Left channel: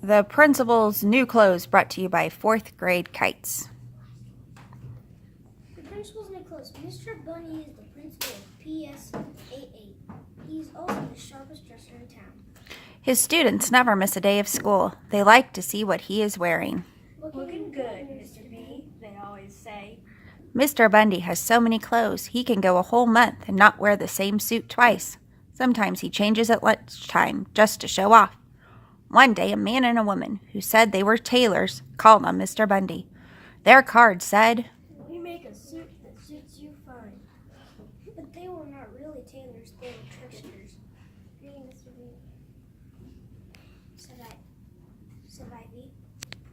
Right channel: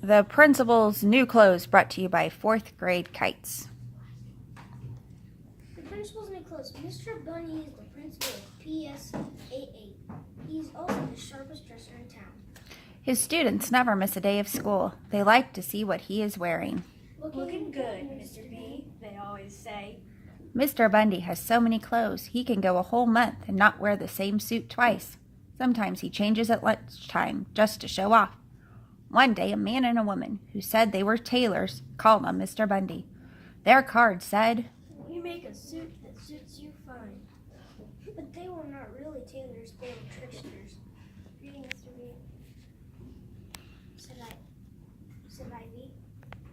The principal's new clothes brought to you by 4th grade kites. The principal's new clothes. Mr. Bunny is the principal of PS88. He's also the sharpest dresser in town. His students never miss a day of school. They like to see what he is wearing. Looking good, Mr. B, they always say. Mr. Bundy has so many clothes, he can go a whole month and not wear the same suit twice. Sometimes he changes at lunchtime just to show off. One day, a man and a woman who said they were tailors called on Mr. Bundy. Their card said, "We make a suit that suits you fine." But they were not really tailors, they were tricksters. "Greeting, Mr. B," said Ivy.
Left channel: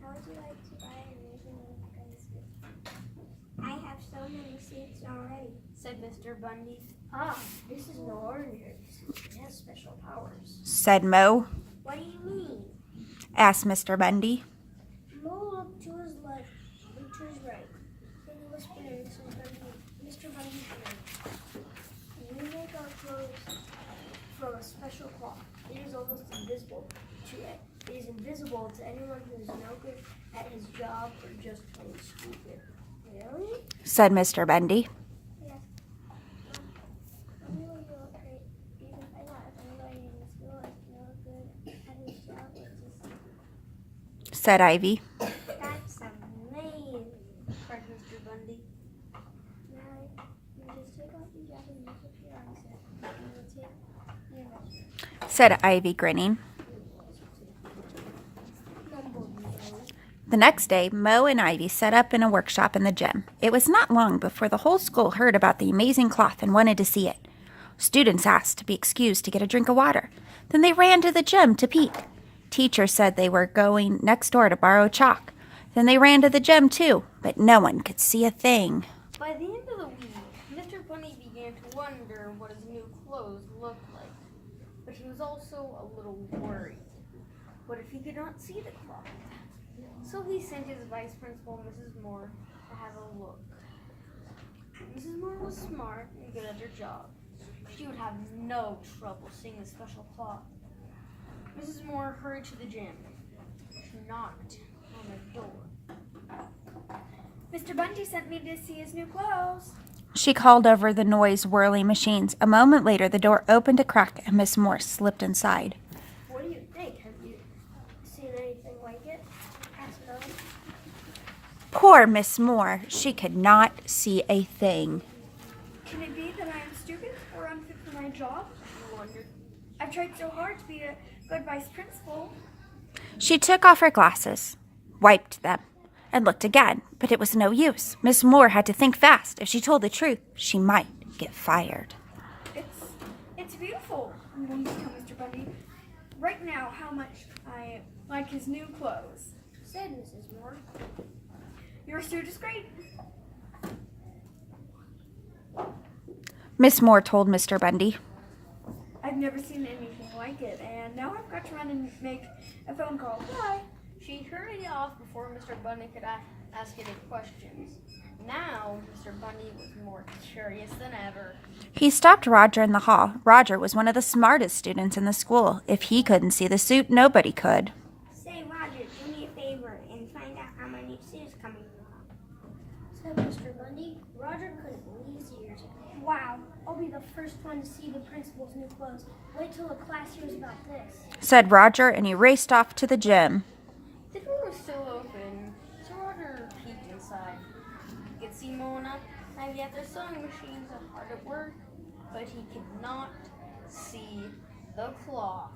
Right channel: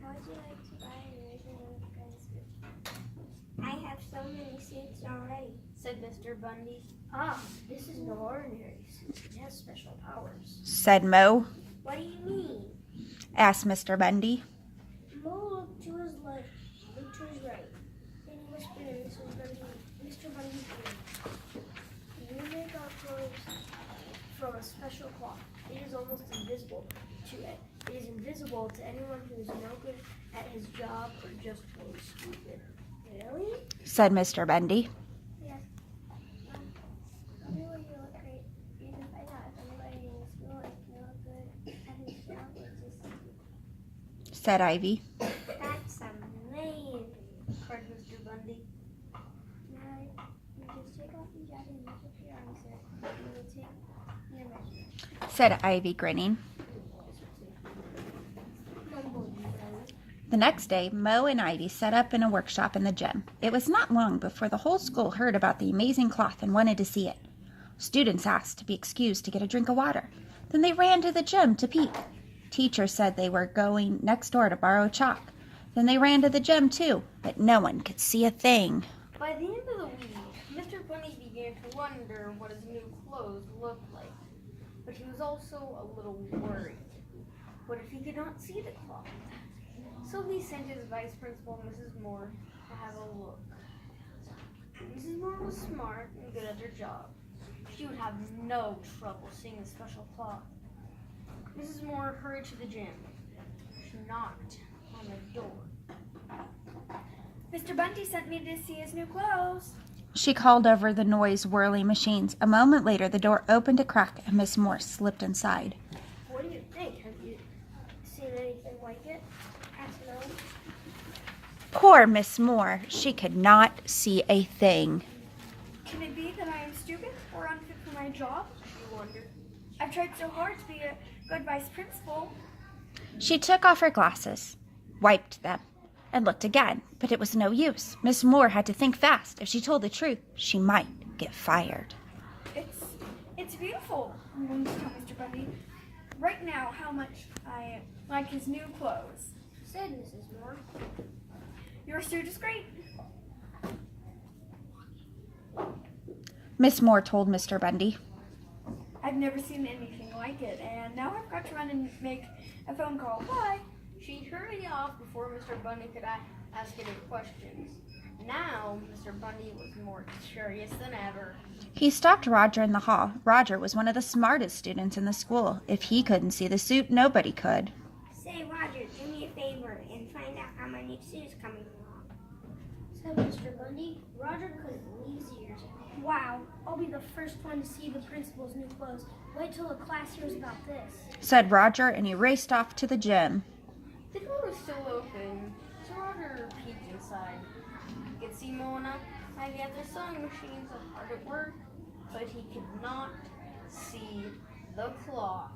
"How would you like to buy an amazing kind of suit?" "I have so many suits already," said Mr. Bundy. "Ah, this is no ordinary suit. It has special powers," said Mo. "What do you mean?" asked Mr. Bundy. Mo looked to his left, looked to his right. Then he whispered in Mr. Bundy's ear, "We make our clothes from a special cloth. It is almost invisible to it. It is invisible to anyone who is no good at his job or just plain stupid." "Really?" said Mr. Bundy. "Yes. Only way you look great. You can find out if anybody in the school is no good at his job or just stupid." Said Ivy. "That's amazing," cried Mr. Bundy. "Now you just take off your jacket and lift up your arms, sir. We will take your measure," Said Ivy, grinning. mumbled Mo. The next day, Mo and Ivy set up in a workshop in the gym. It was not long before the whole school heard about the amazing cloth and wanted to see it. Students asked to be excused to get a drink of water. Then they ran to the gym to peek. Teachers said they were going next door to borrow chalk. Then they ran to the gym too, but no one could see a thing. By the end of the week, Mr. Bunny began to wonder what his new clothes looked like. But he was also a little worried. What if he could not see the cloth? So he sent his vice principal, Mrs. Moore, to have a look. Mrs. Moore was smart and good at her job. She would have no trouble seeing the special cloth. Mrs. Moore hurried to the gym. She knocked on the door. "Mr. Bundy sent me to see his new clothes." She called over the noise-whirling machines. A moment later, the door opened a crack and Miss Moore slipped inside. "What do you think? Have you seen anything like it?" asked Mo. Poor Miss Moore. She could not see a thing. "Can it be that I am stupid or unfit for my job?" she wondered. "I've tried so hard to be a good vice principal." She took off her glasses, wiped them, and looked again, but it was no use. Miss Moore had to think fast. If she told the truth, she might get fired. It's beautiful," I'm going to tell Mr. Bundy right now how much I like his new clothes," said Mrs. Moore. "Your suit is great." Miss Moore told Mr. Bundy. "I've never seen anything like it, and now I've got to run and make a phone call. Bye." She hurried off before Mr. Bunny could ask any questions. Now, Mr. Bunny was more curious than ever. He stopped Roger in the hall. Roger was one of the smartest students in the school. If he couldn't see the suit, nobody could. "Say, Roger, do me a favor and find out how my new suit is coming along," said Mr. Bundy. Roger couldn't believe his ears. "Wow, I'll be the first one to see the principal's new clothes. Wait till the class hears about this," said Roger, and he raced off to the gym. The door was still open, so Roger peeked inside. He could see Mo and Ivy at their sewing machines hard at work, but he could not see the cloth.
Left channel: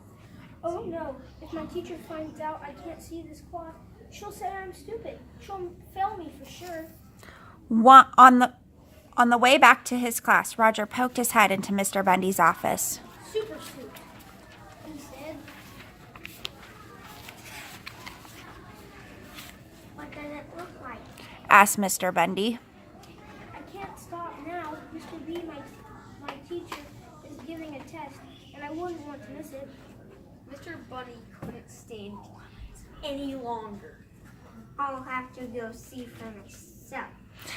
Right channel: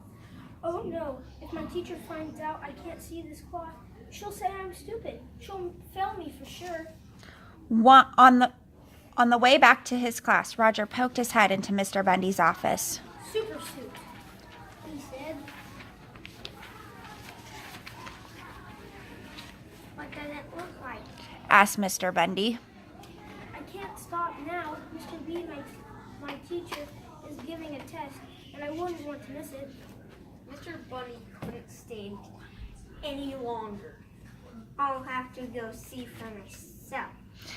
"Oh no, if my teacher finds out I can't see this cloth, she'll say I'm stupid. She'll fail me for sure." On the way back to his class, Roger poked his head into Mr. Bundy's office. "Super suit," he said. "What does it look like?" Asked Mr. Bundy. "I can't stop now. Mr. B, my teacher, is giving a test, and I wouldn't want to miss it." Mr. Bunny couldn't stand it any longer. "I'll have to go see for myself."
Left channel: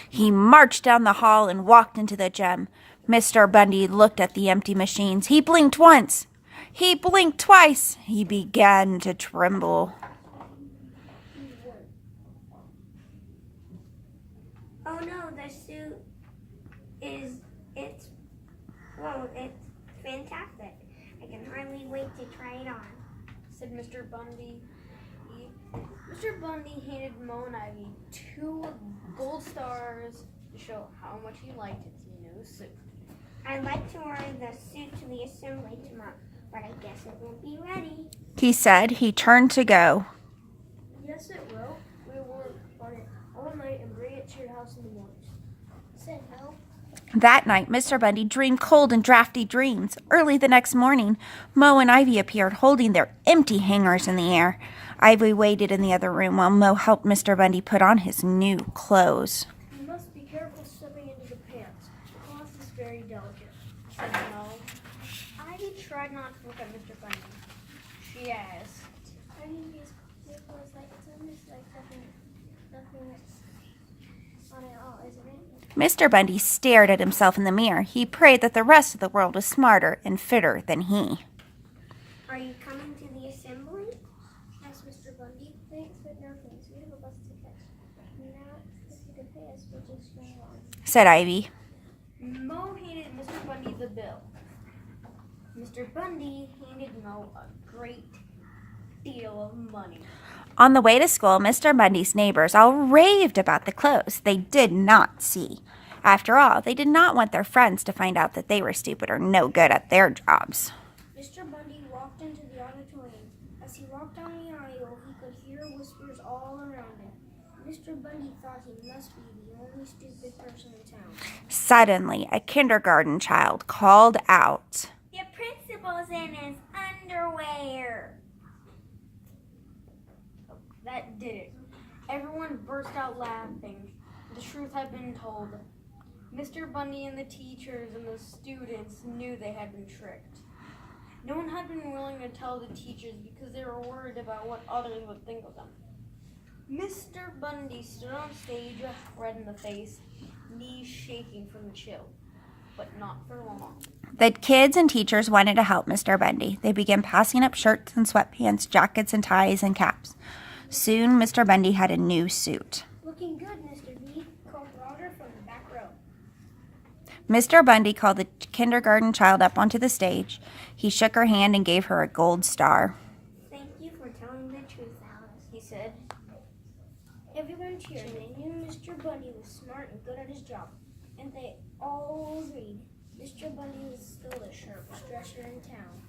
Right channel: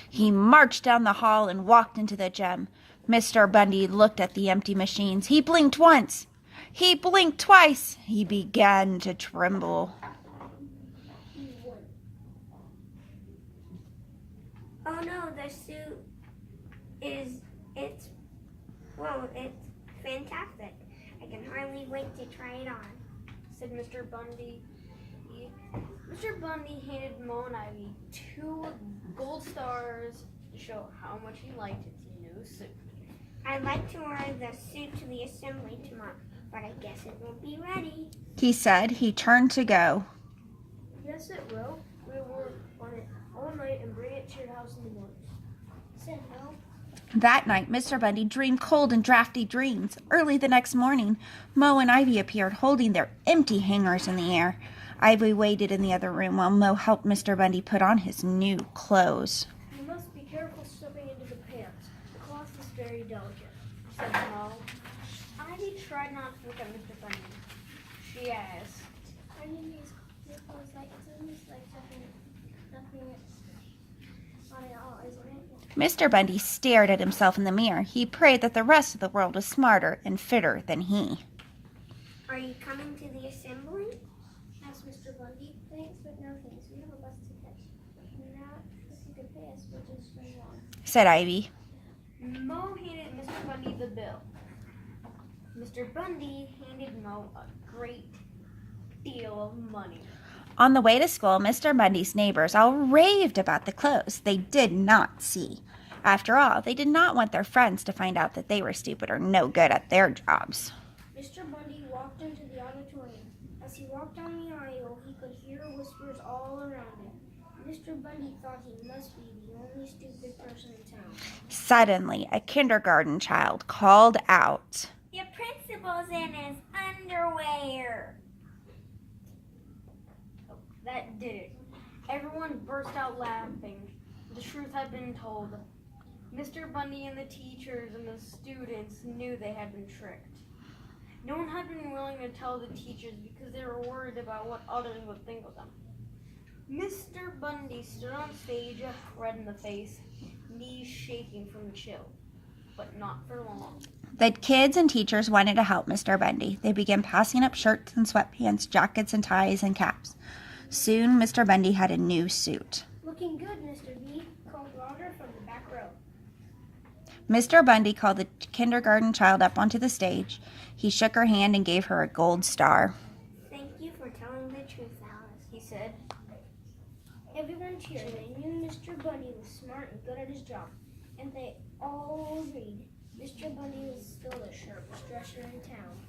He marched down the hall and walked into the gym. Mr. Bundy looked at the empty machines. He blinked once. He blinked twice. He began to tremble. It's fantastic. I can hardly wait to try it on, said Mr. Bundy. Mr. Bundy handed Mo and Ivy 2 gold stars to show how much he liked its new suit. I'd like to wear the suit to the assembly tomorrow, but I guess it won't be ready. He said. He turned to go. Yes, it will. We'll work on it all night and bring it to your house in the morning, said Mo. That night, Mr. Bundy dreamed cold and drafty dreams. Early the next morning, Mo and Ivy appeared holding their empty hangers in the air. Ivy waited in the other room while Mo helped Mr. Bundy put on his new clothes. You must be careful stepping into the pants. The cloth is very delicate, Said Mo. Ivy tried not to look at Mr. Bundy. She asked, I need these clothes like it's like nothing on it all, isn't it? Mr. Bundy stared at himself in the mirror. He prayed that the rest of the world was smarter and fitter than he. Are you coming to the assembly? Asked Mr. Bundy. Thanks, but no thanks. We have a bus to catch. Now, if you could pay us, we'll just bring along, Said Ivy. Mo handed Mr. Bundy the bill. Mr. Bundy handed Mo a great deal of money. On the way to school, Mr. Bundy's neighbors all raved about the clothes they did not see. After all, they did not want their friends to find out that they were stupid or no good at their jobs. Mr. Bundy walked into the auditorium. As he walked down the aisle, he could hear whispers all around him. Mr. Bundy thought he must be the only stupid person in town. Suddenly, a kindergarten child called out. The principal's in his underwear. That did it. Everyone burst out laughing. The truth had been told. Mr. Bundy and the teachers and the students knew they had been tricked. No one had been willing to tell the teachers because they were worried about what others would think of them. Mr. Bundy stood on stage, red in the face, knees shaking from the chill. But not for long. The kids and teachers wanted to help Mr. Bundy. They began passing up shirts and sweatpants, jackets and ties and caps. Soon, Mr. Bundy had a new suit. Looking good, Mr. B, called Roger from the back row. Mr. Bundy called the kindergarten child up onto the stage. He shook her hand and gave her a gold star. Thank you for telling the truth, Alice, He said, Everyone cheered. They knew Mr. Bundy was smart and good at his job, and they all agreed Mr. Bundy was still the sharpest dresser in town.